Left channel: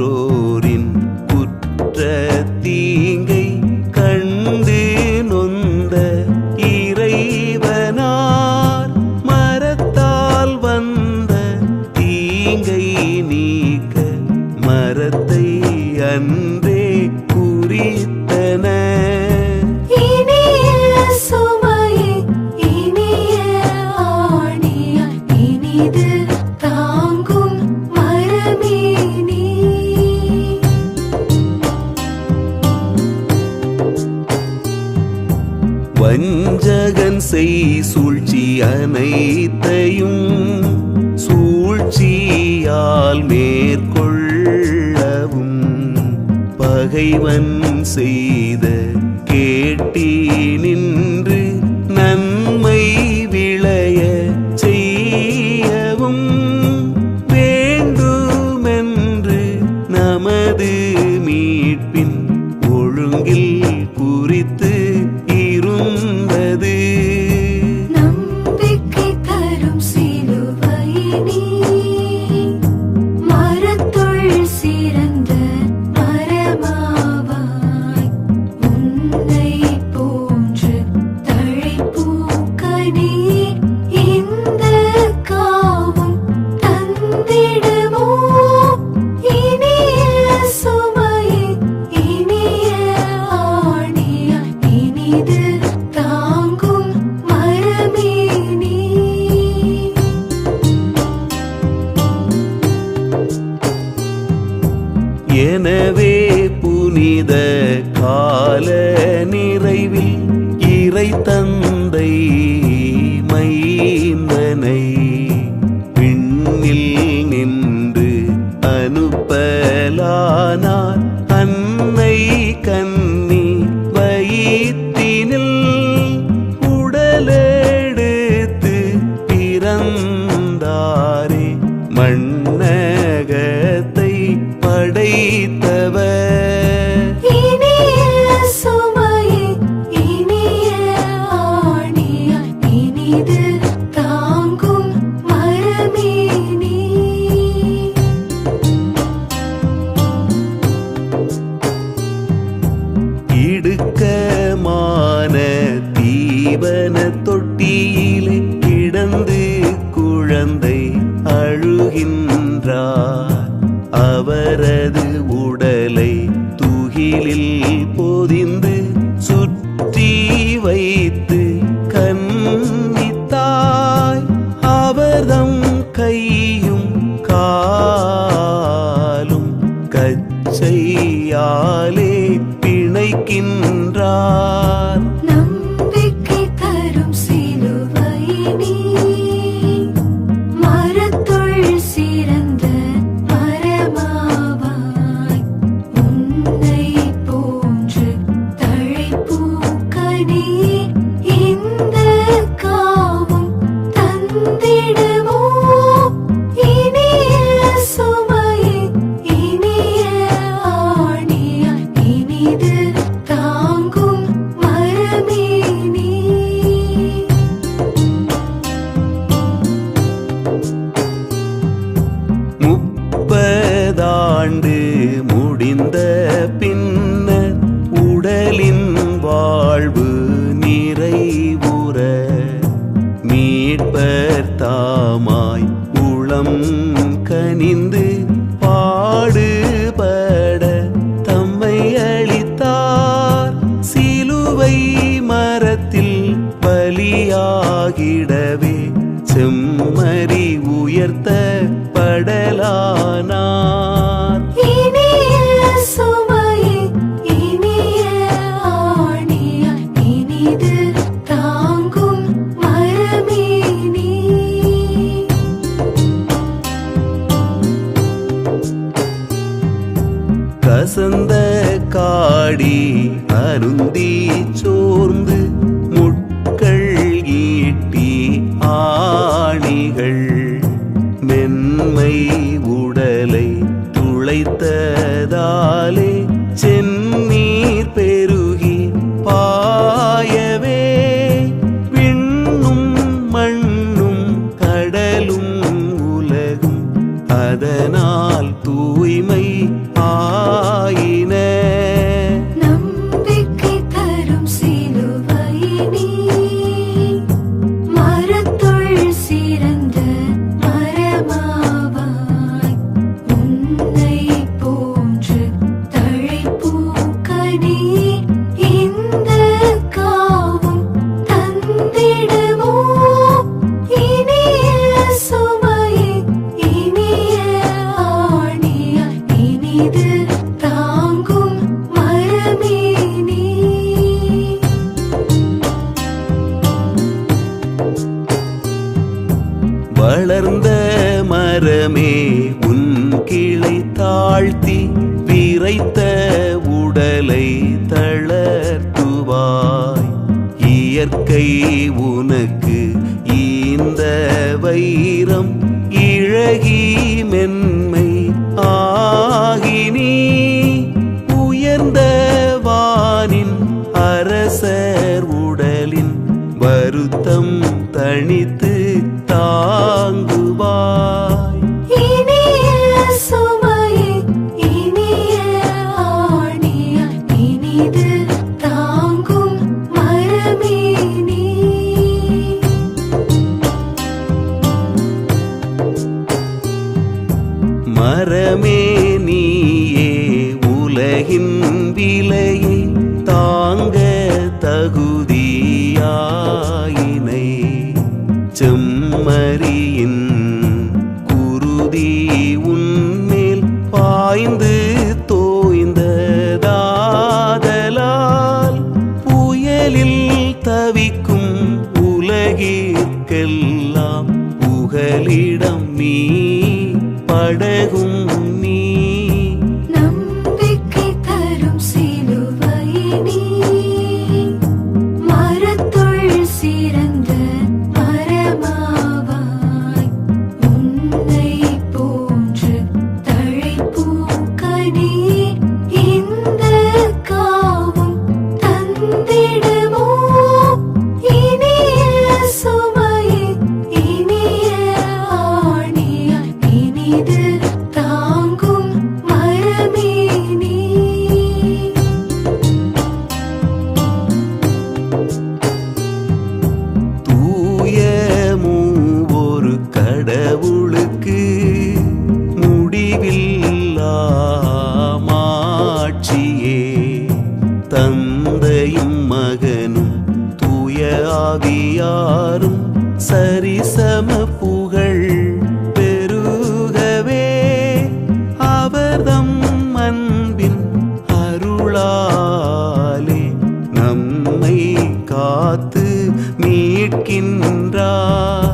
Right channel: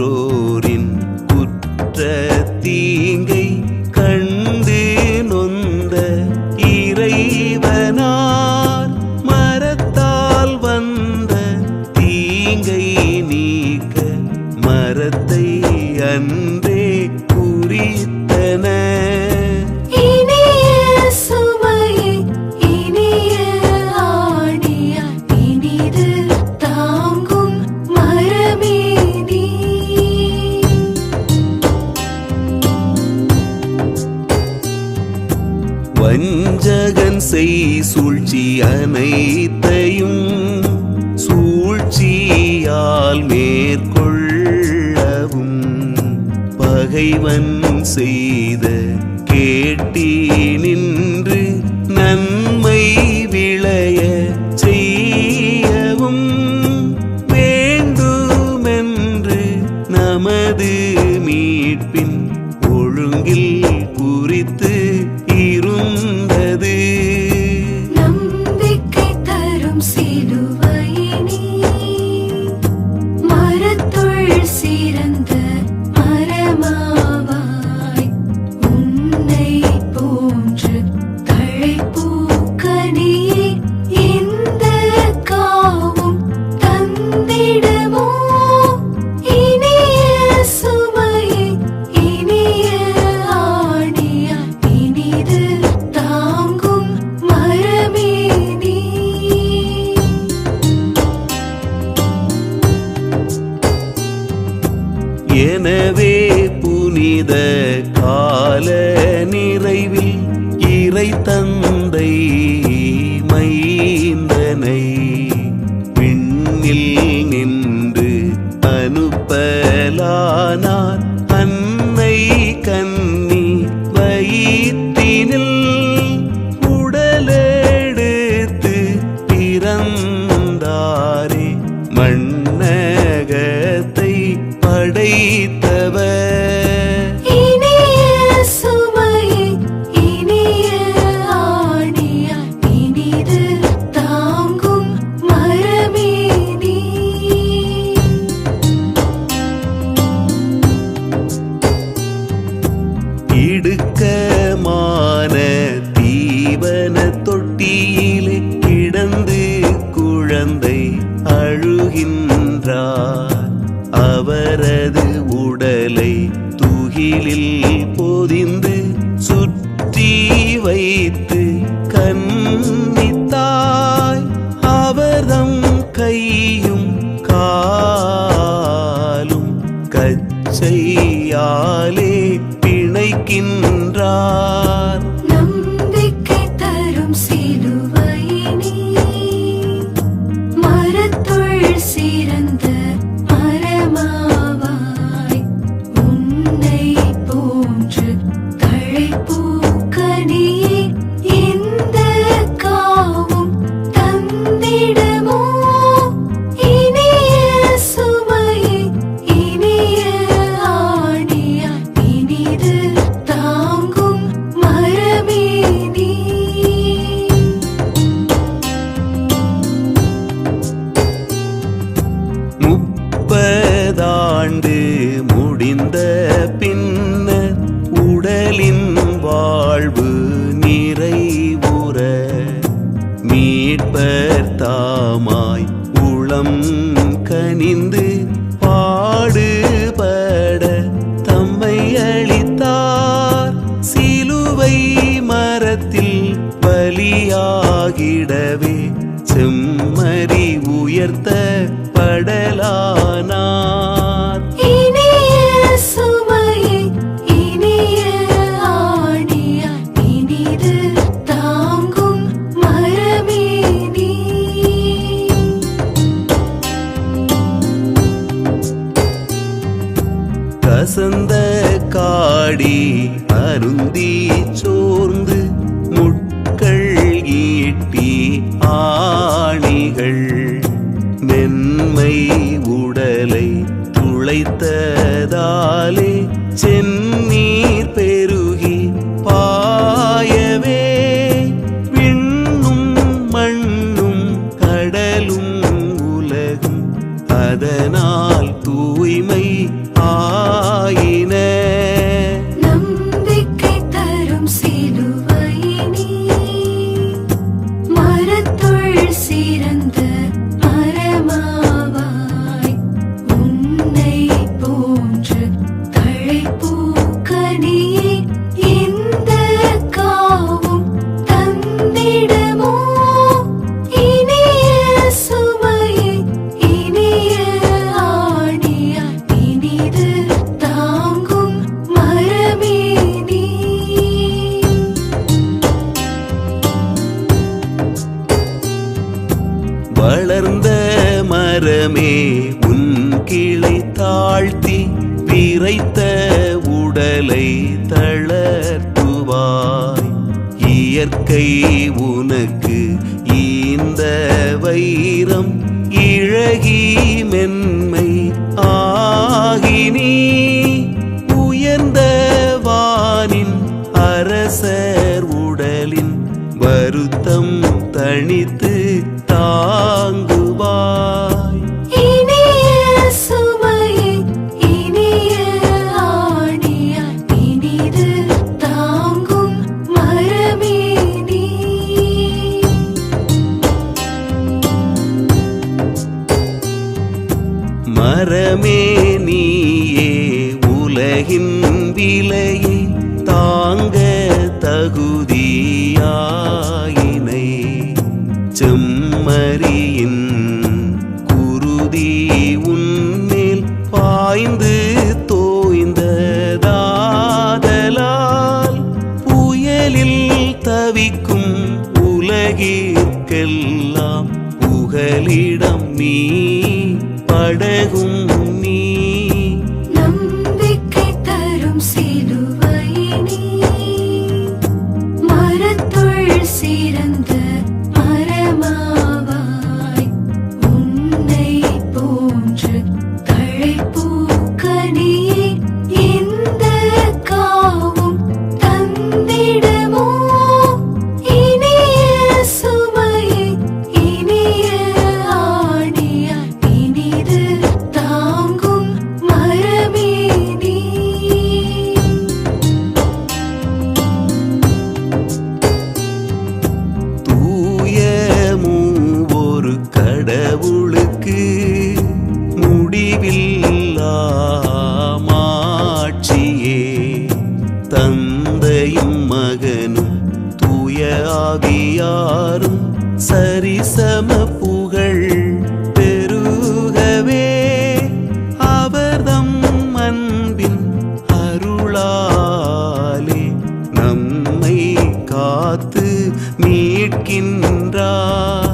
மற்றோரின் குற்ற தீங்கை கண்டு நொந்த இறைவனார் மரத்தால் வந்த தீங்கை நீக்க மரத்தை அன்றே குறித்தன. வஞ்சகன் செய் சூழ்ச்சி அனைத்தையும் சூழ்ச்சியால் மேற்கொள்ளவும் பகைவன் செய்த கேட்டினின்று நன்மை விளைய செய்யவும் வேண்டுமென்று நமது மீட்பின் ஒழுங்கில் குறித்து இருந்தது. நம்பிக்கை தரும் சிலுவையினி மரத்துள் சிறந்த மரமாவாய் உன்னை போன்று தழைப்பூக்கனியே இந்த காவும் தந்திடுமோ. இனிய சுமையை இனிய ஆணியாய் இனிது தாங்கும் மரமே நீ. எனவே புனித கால நிறைவில் இறை தந்தை மைந்தனை விண்ணில் நின்று அனுப்பலானார். அன்னை கன்னி வயிற்றினில் உடலெடுத்து பிறந்தாரே மண்ணகத்தை படைத்தவர். இனிய சுமையை இனிய ஆணியாய் இனிது தாங்கும் மரமே நீ. இடுக்கமான தீவன தொட்டியிலே கிடந்து குழந்தை அழுகின்றார். அவரது உடலை துகிலில் பொதிந்து சுற்றி வைத்து கன்னித்தாய் அவர்தம் கையும் காலும் கச்சையாலே பிணைக்கின்றார். நம்பிக்கை தரும் சிலுவையினி மரத்துள் சிறந்த மரமாவாய் உன்னை போன்று தழைப்பூக்கனியே இந்த காவும் தந்திடுமோ. இனிய சுமையை இனிய ஆணியாய் இனிது தாங்கும் மரமே நீ. முப்பதாண்டு முடிந்த பின்னர் உடலின் வாழ்வு நிறைவுற மீட்பர் தாமாய் உளம் கனிந்து பாடுபட தம்மை அளித்தார். சிலுவை மரத்தில் பலியாகிடவே செம்மறி உயர்த்த படலானார். இனிய சுமையை இனிய ஆணியாய் இனிது தாங்கும் மரமே நீ. கசந்த காடி அருந்தி சோர்ந்து முட்கள் ஈட்டி ஆணிகள் மென்மை உடலை துளைத்ததாலே செந்நீர் பெருகி பாயவே விண்ணும் மண்ணும் கடலும் உலகும் அதனால் தூய்மை இனிது தாங்கும் மரமே நீ. வளர்ந்த மரமே உன் கிளை தாழ்த்தி விரைத்த உடலை தளர்த்துவாய். இயற்கை உனக்கு இந்த வைரம் இழகி மென்மை ஆகி நீ உயர்ந்த வானின் அரசர் உடலின் வருத்தம் தணித்து தாங்குவாய். இனிய சுமையை இனிய ஆணியாய் இனிது தாங்கும் மரமே நீ. மரமே நீயே உலகின் விலையை தாங்க தகுதியாயினை. செம்மறியின் குருதி உன்மேல் பாய்ந்து தோய்ந்ததாதலால் புயலில் தவிக்கும் உலகிற்கெல்லாம் புகலிடம் நீ படகும் நீ. நம்பிக்கை தரும் சிலுவையே நீ. மரத்துள் சிறந்த மரமாவாய் உன்னை போன்று தழைப்பூக்க நீ. இந்த காவும் தந்திடுமோ இனிய சுமையை இனிய ஆணியாய் இனிது தாங்கும் மரமே நீ. தூய மூவொரு கடவுளுக்கு முடிவில்லா மாட்சியே. தந்தையும் மகனும் தூய ஆவியாரும் சரிசம புகழ் பெருகவே அவர்தம் அன்பின் அருளாலே நம்மை காத்து மீட்கின்றார்.